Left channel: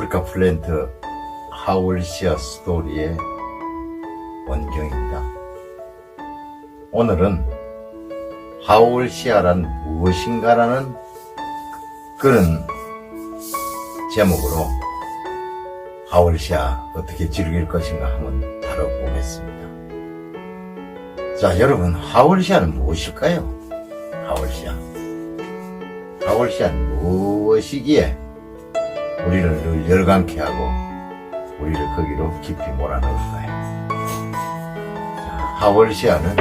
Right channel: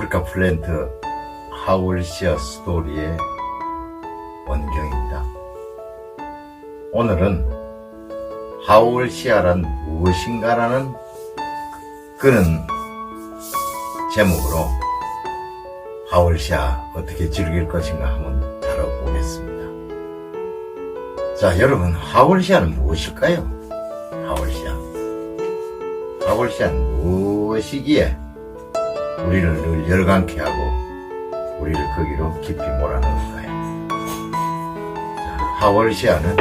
아프리카 플랜트 하울시아 스토리의 원경입니다. 오늘은 하울시아란 무엇인가라는 그런 제목으로 하울시아 어떻게 즐길 것인가 한번 다뤄보겠습니다. 자, 여러분, 하울시아는 무엇일까요? 하울시아. 하울시아는 무엇이기에 우리를 늘 열광케 하고 우리를 거기로 깊이 몰아넣을까요? 자, 하월시아는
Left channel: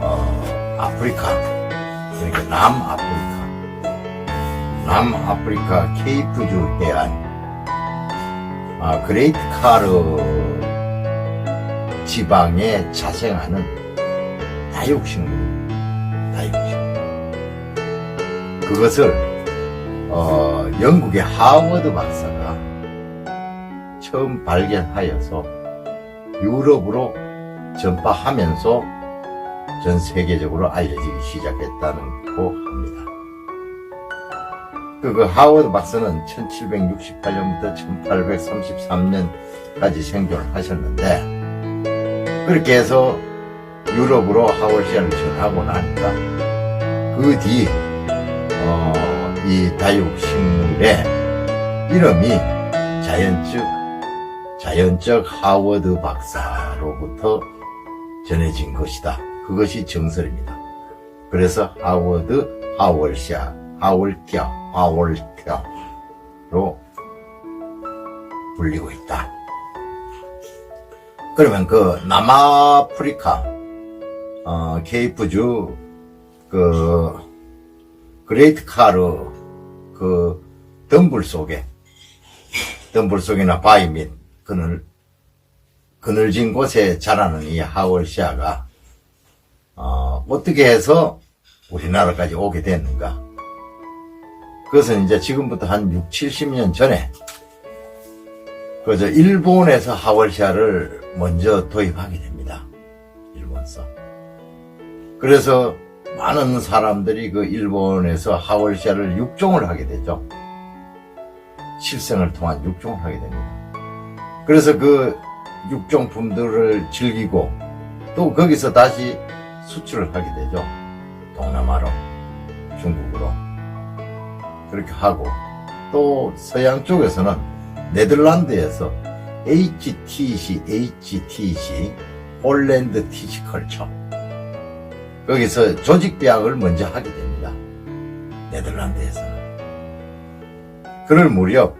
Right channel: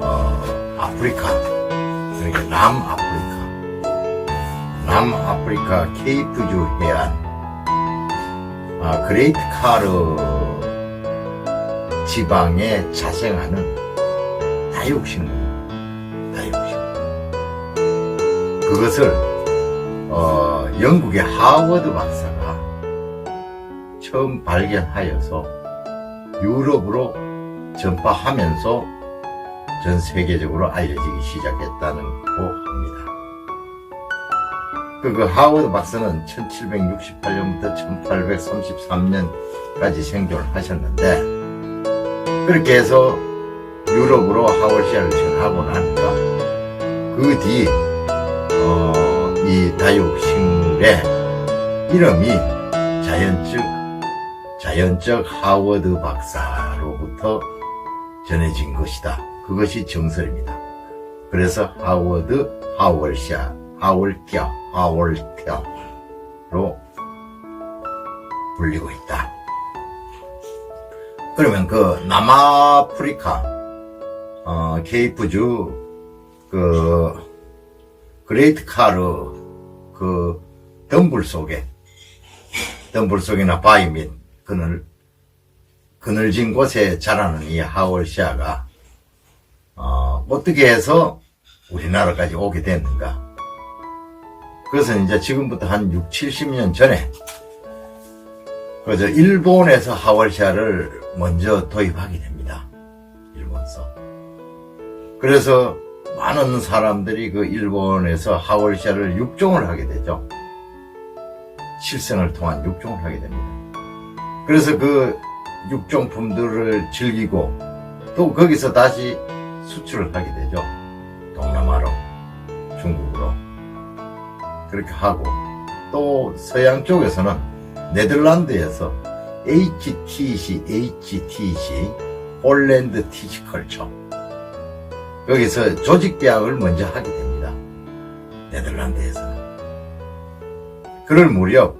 어, 아프리카 그러니까 남아프리카 남아프리카 케이프주 해안 아, 그레이트 카르 지방에 자생하는 다육식물 다육식물 그것을 어, 영국의 하워드 박사가 처음 발견하여서 유럽으로 전파하면서 전 세계적으로 알려지기 시작했다고 합니다. 그, 그 하워드 박사는 1768년부터 1833년까지 생존을 하셨는데 그렇게 해서 유럽으로 하월시아를 전하고 나니까 그 뒤, 어, 이 다육식물의 이름이 자연적, 자연적 하워드 박사로부터 전해진 것이다. 그것이 정설입니다. 그래서 하워드, 하월샤, 하월티아, 하월티아로 불리고 있다. 그러면 그 남아프리카, 어, 케이프주, 그, 그레이트 카르 그 덤불 속에 덤불 속이나 바위 및 그늘 그늘진 곳에 자라는 이 하월시아가 어, 어떻게 해서 우리나라까지 오게 됐는가? 그것은 이제 지금부터 한 6, 70년 전에 그저 일본에서 하월시아를 먼저 도입하게 됩니다. 일본서. 그래서 많은 사람들이 그 일본에서 하월시아를 육종을 하게 되죠. 실생을 통한 육종을 하게 됩니다. 그래서 그 육종품들을 즐기고 또 거기서 다시 수출을 하게 되죠. 동남아로, 중국으로. 그렇게 하고 또 서양 쪽에서는 네덜란드에서 HTC, HTC, 폴랜드 티치컬처 거기서 조직계약을 먼저 하게 됩니다. 네덜란드에서는. 그럴 무렵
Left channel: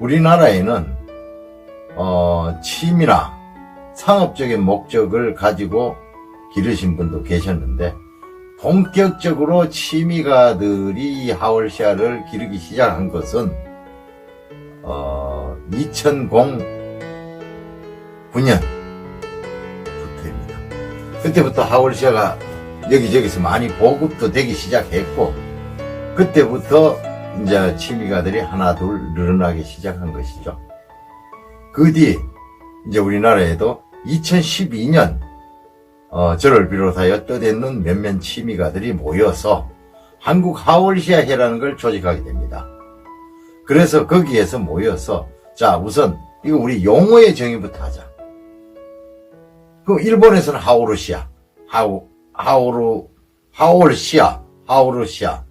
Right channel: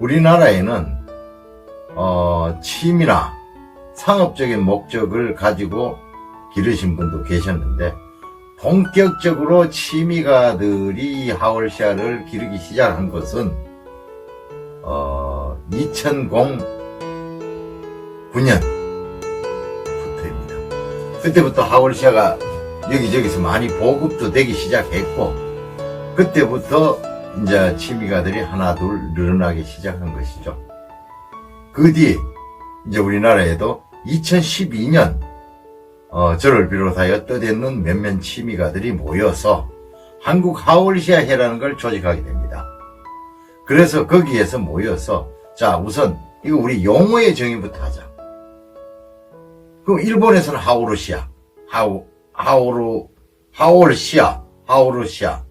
우리나라에는 어, 취미나 상업적인 목적을 가지고 기르신 분도 계셨는데 본격적으로 취미가들이 하월시아를 기르기 시작한 것은 어, 2009년 부터입니다. 그때부터 하월시아가 여기저기서 많이 보급도 되기 시작했고 그때부터 이제 취미가들이 하나 둘 늘어나기 시작한 것이죠. 그 뒤 이제 우리나라에도 2012년 어, 저를 비롯하여 떠대는 몇몇 취미가들이 모여서 한국 하월시아회라는 걸 조직하게 됩니다. 그래서 거기에서 모여서 자 우선 이거 우리 용어의 정의부터 하자. 그 일본에서는 하오르시아, 하오 하오르 하올시아, 하오르시아,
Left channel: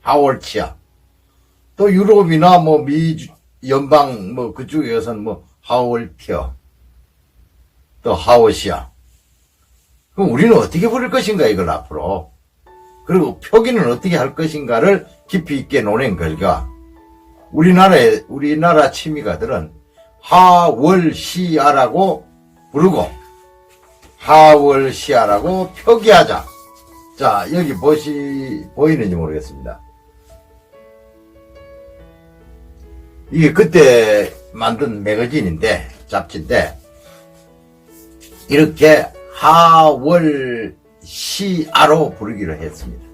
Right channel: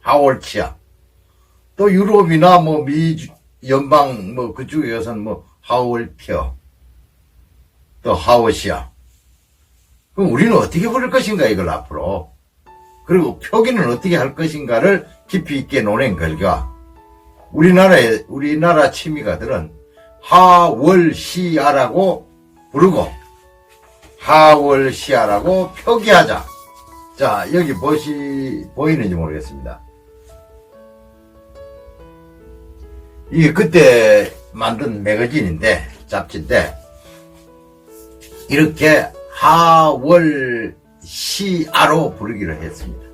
하올치아. 또 유럽이나 뭐 미 연방 뭐 그쪽에서는 뭐 하올티어, 또 하오시아. 그럼 우리는 어떻게 부를 것인가 이걸 앞으로. 그리고 표기는 어떻게 할 것인가를 깊이 있게 논한 결과 우리나라의 우리나라 취미가들은 하월시아라고 부르고 하월시아라고 표기하자. 자, 여기 보시, 보이는지 모르겠습니다. 이게 그때 만든 매거진인데, 잡지인데, 이렇게 하월시아로 부르기로 했습니다.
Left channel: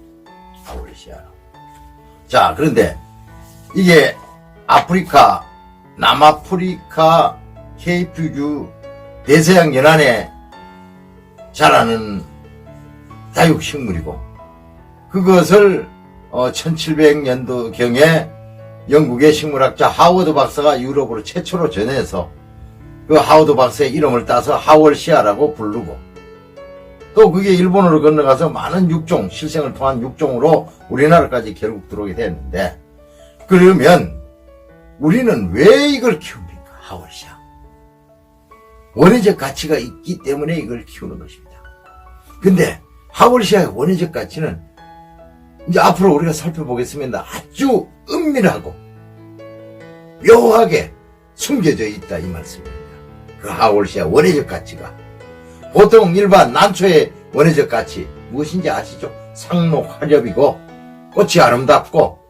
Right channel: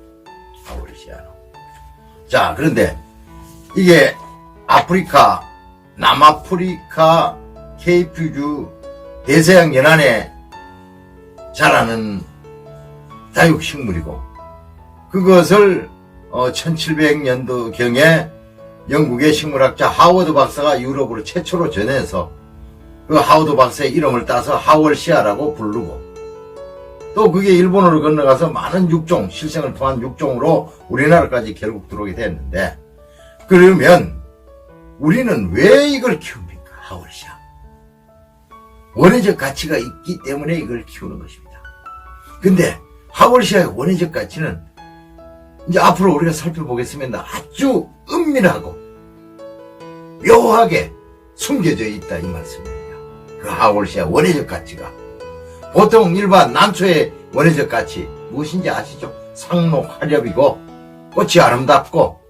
하월시아로. 자, 그런데 이게 아프리카, 남아프리카 케이프주 대서양 연안에 자라는 다육식물이고 그것을 어, 1700년도경에 영국의 식물학자 하워드 박사가 유럽으로 최초로 전해서 그 하워드 박사의 이름을 따서 하월시아라고 부르고 또 그게 일본으로 건너가서 많은 육종, 실생을 통한 육종으로 우리나라까지 결국 들어오게 됐는데 그러면 우리는 왜 이걸 키웁니까? 하월시아. 원예적 가치가 있기 때문에 이걸 키우는 것입니다. 근데 하월시아의 원예적 가치는 이제 앞으로 우리가 살펴보겠습니다. 아주 은밀하고 묘하게 숨겨져 있다 이 말씀입니다. 그 하월시아 원예적 가치가 보통 일반 난초의 원예적 가치 무엇인지 아시죠? 상록 화렵이고 꽃이 아름답고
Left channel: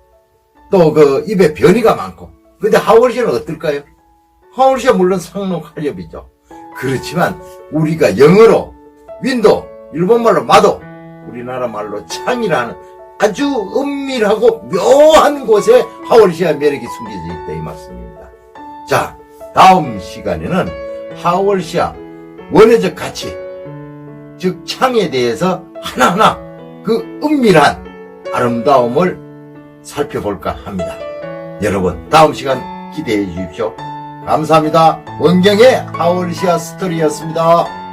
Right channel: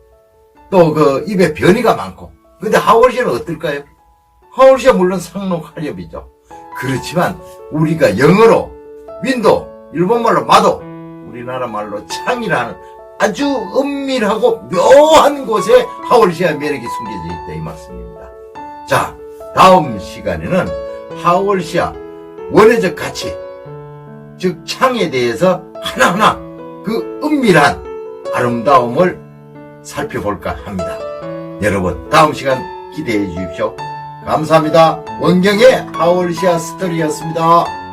또 그 입에 변이가 많고 근데 하월시아는 어떨까요? 하월시아 물론 상록 화렵이죠. 그렇지만 우리가 영어로 윈도 일본말로 마도 우리나라 말로 창이라는 아주 은밀하고 묘한 곳에 하월시아 매력이 숨겨져 있다 이 말씀입니다. 자 다음 시간에는 하월시아 원예적 가치 즉 창에 대해서 하나하나 그 은밀한 아름다움을 살펴볼까 합니다. 여러분 다음 시간 기대해 주십시오. 감사합니다. 원경의 하월시아 스토리였습니다.